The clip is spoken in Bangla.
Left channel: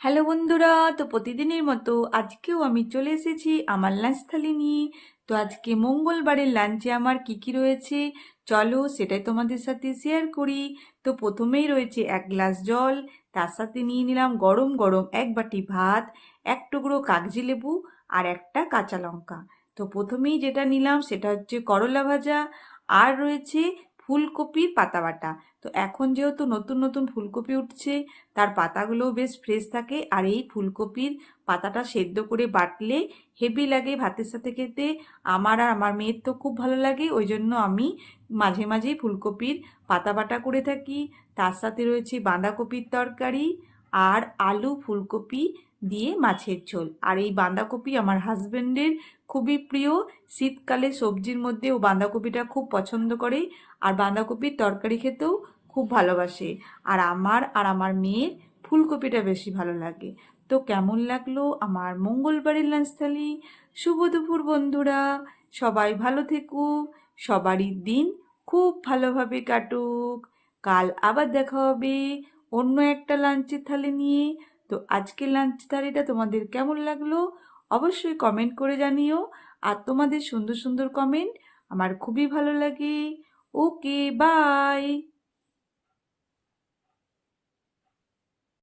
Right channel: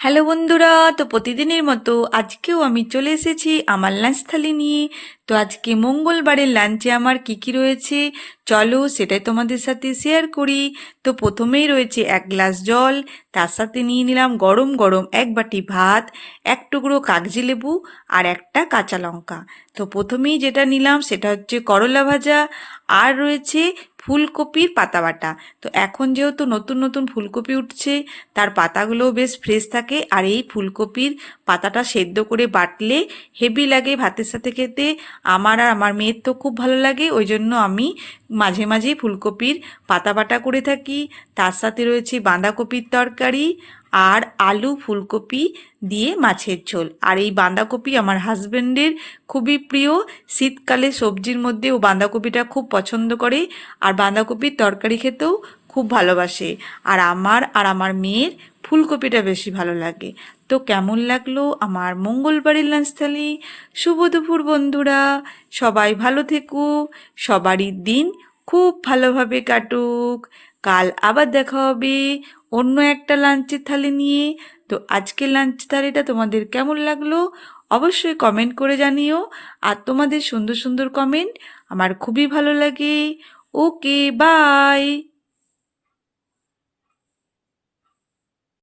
হ্যালো বন্ধুরা, তো প্রতিদিনের মতো আজকেও আমি চলে এসেছি আমার লাঞ্চ থালি নিয়ে। তো আজকে মঙ্গলবারের লাঞ্চে আমার কি কি রয়েছে চলো সেটাই তোমাদের সাথে শেয়ার করি। তো প্রথমেই রয়েছে 1 গ্লাস জল, তার সাথে নিয়ে নিলাম গরম গরম 1 বাটি ভাত, 1 টুকরো কাগজি লেবু আর একটা কাঁচা লঙ্কা। তো প্রথমেই যেটা নিলাম সেটা হচ্ছে করলা ভাজা, আর রয়েছে ফুলকপির পাতা বাটা। তো এখন যেহেতু নতুন নতুন ফুলকপি উঠছে, তার পাতাগুলোও বেশ ফ্রেশ থাকে, আর এই ফুলকপির পাতাটা সেদ্ধ করে বাটলে হেভি লাগে ভাতের সাথে খেতে। আমার আর আমার মেয়ের তো খুব ভালো লাগে, ওই জন্য আমি মাঝে মাঝেই ফুলকপির পাতা বাটা করে থাকি। তার সাথে রয়েছে বাঁধাকপির তরকারি আর আলু ফুলকপি দিয়ে মাছের ঝোল। আর এই বাঁধাকপি আমার হাজবেন্ডের খুবই প্রিয়, শীতকালে সবজির মধ্যে ও বাঁধাকপিটা খুব পছন্দ করে, আর বাঁধাকপির তরকারি খেতেও খুব ভালোবাসে। আর আমার মেয়ের ফুলকপিটা বেশি ভালো লাগে। তো কেমন লাগলো আমার মঙ্গলবারের লাঞ্চ থালি? শুভ দুপুর বন্ধুরা, সবাই ভালো থেকো, সবারই দিন খুব ভালোভাবে কাটুক। কাল আবার দেখা হবে অন্য একটা লাঞ্চের থালি নিয়ে। তো আজকের লাঞ্চ থালিটা তোমাদের কেমন লাগলো অবশ্যই কমেন্ট করে জানিও। আর তোমাদের সুন্দর সুন্দর কমেন্ট আমার খুবই ভালো লাগে। ওকে, বাই।